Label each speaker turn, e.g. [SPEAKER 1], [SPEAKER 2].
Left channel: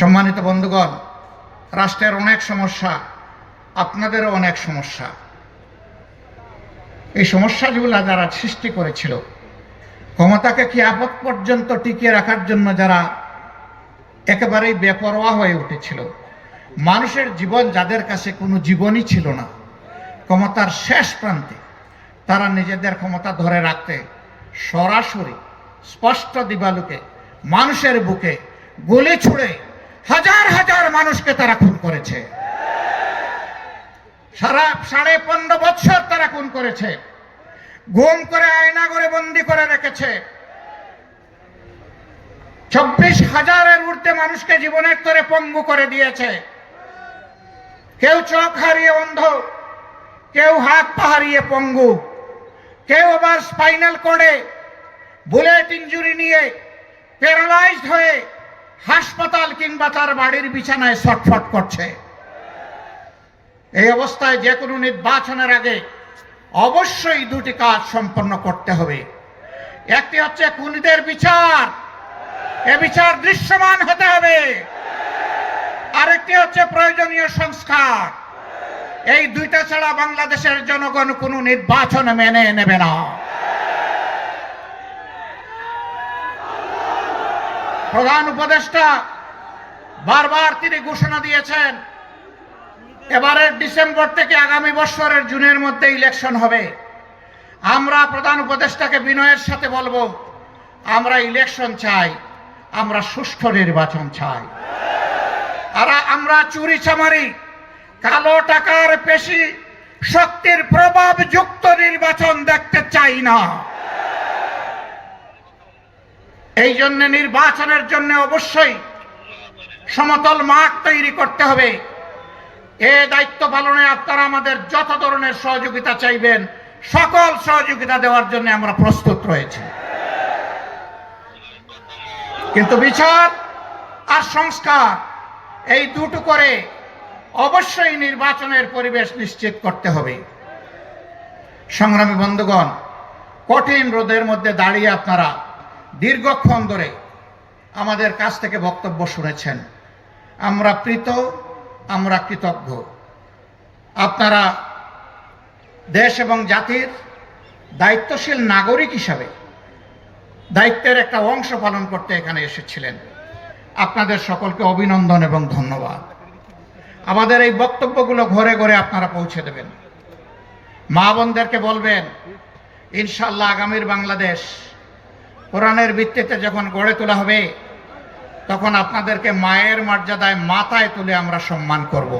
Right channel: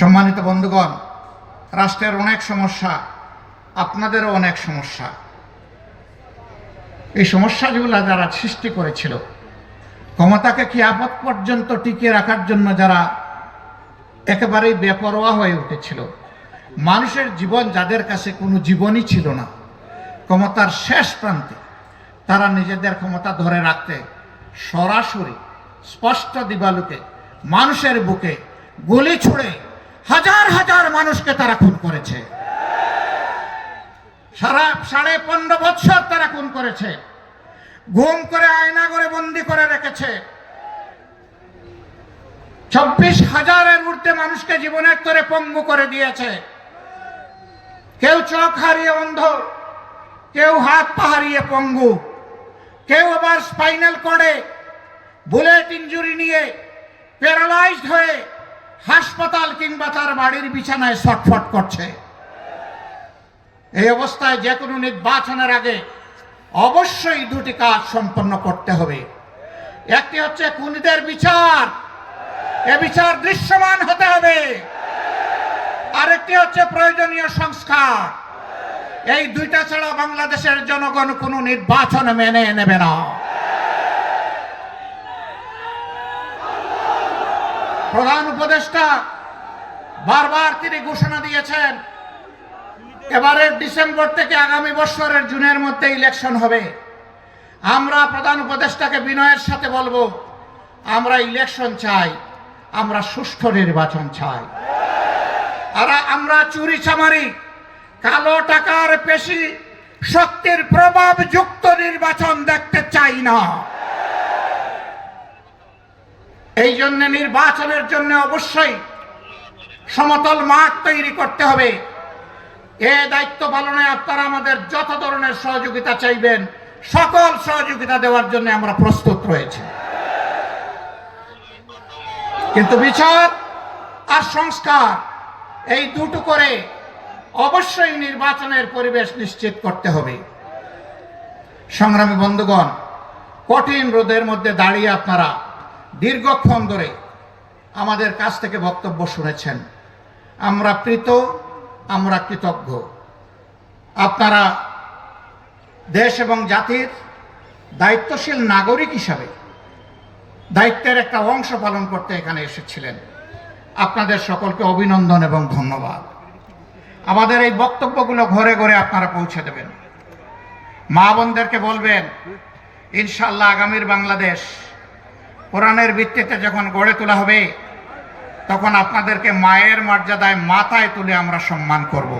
[SPEAKER 1] সম্মানিত বন্ধুগণ, রাষ্ট্রের অনেক সমস্যা, আপনাদেরও অনেক সমস্যা। এই সমস্যাগুলো যারা সৃষ্টি করেছিল, ক্ষমতাকে কি আপদ পর্যন্ত টিকিয়ে রাখার জন্য যারা একেবারেই বেপরোয়া হয়ে উঠেছিল, মানুষের জীবন যাদের কাছে কোনো জীবনই ছিল না, ক্ষমতার শেষ প্রান্তে তারা নিজেদের ক্ষমতা ধরে রাখতে সরাসরি স্পষ্ট দিবালুকে মানুষের বুকে গুলি ছুড়ে হাজার হাজার মানুষকে তারা খুন করেছে। সারা সাড়ে পনেরো বৎসর তারা খুন করেছে। গুম করে আয়না করে বন্দি করে রেখেছে। চব্বিশ হাজারের ঊর্ধ্বে মানুষকে জীবনের তরে পঙ্গু করে দিয়েছে। কেউ চোখ হারিয়ে অন্ধ, কেউ হাত পা হারিয়ে পঙ্গু, কেউ আবার স্পাইনাল কোডে বুলেট ইঞ্জুরি নিয়ে প্যারালাইজড হয়ে হাসপাতাল কিংবা তার বাড়ির বিছানায় ছটফট করছে। এই অবস্থায় যে কোনো নির্বাচনের আগে অবশ্যই দুটি কাজ সম্পন্ন করতে হবে। একটি হচ্ছে খুনিদের বিচার। এ বিচার দৃশ্যমান হতে হবে। আরেকটি হচ্ছে প্রয়োজনীয় সংস্কার। এই দুইটা ছাড়া বাংলাদেশের জনগণ কোনো নির্বাচন মেনে নেবে না। প্রধান উপদেষ্টা বারবার তিনি ঘোষণা দিয়েছেন, এবারের ডিসেম্বর থেকে আগামী বছরের জুনের মধ্যে ইলেকশন হবে। আমরা প্রধান উপদেষ্টাকে বিনয়ের সাথে বলব, আমরা ইলেকশন চাই, আমরা সুষ্ঠু নির্বাচন চাই। আর আমরা চুরি চামারি, কালো টাকার পেশি, শক্তির প্রভাব যুক্ত নির্বাচন দেখতে চাই না। এই জন্য নির্বাচনের জন্য অবশ্যই সমতল মাঠ তৈরি করতে হবে। এ দায়িত্ব পালনে আপনারা আমাদের যত ধরনের সহযোগিতা চাইবেন, সকল সহযোগিতা দেওয়ার জন্য আমরা প্রস্তুত রয়েছি। কিন্তু বিচার আর সংস্কার, এই দুটো করে অবশ্যই নির্বাচনের পরিবেশ নিশ্চিত করতে হবে। সংগ্রামী বন্ধুগণ, কঠিন রোদের মধ্যে দাঁড়িয়ে আপনারা দীর্ঘক্ষণ ধরে আমাদের কাছ থেকে বক্তব্য শুনেছেন। আমরা প্রীত, আমরা কৃতজ্ঞ। আপনারা দেশ এবং জাতির দায়িত্বশীল নাগরিক হিসাবে দায়িত্বের একটা অংশ পালন করতে এখানে এসেছিলেন। আপনাদের সকলকে অভিনন্দন এবং ধন্যবাদ। আমাদের এই বক্তব্যগুলো ঘরে ঘরে আপনারা পৌঁছে দেবেন। মা বোনদেরকে বলবেন ইনশাল্লাহ আগামীর বাংলাদেশ কোরআনের ভিত্তিতে যখন গড়ে তোলা হবে, তখন আপনাদেরকে মায়ের মর্যাদায় মাথায় তুলে আমরা সম্মান করব।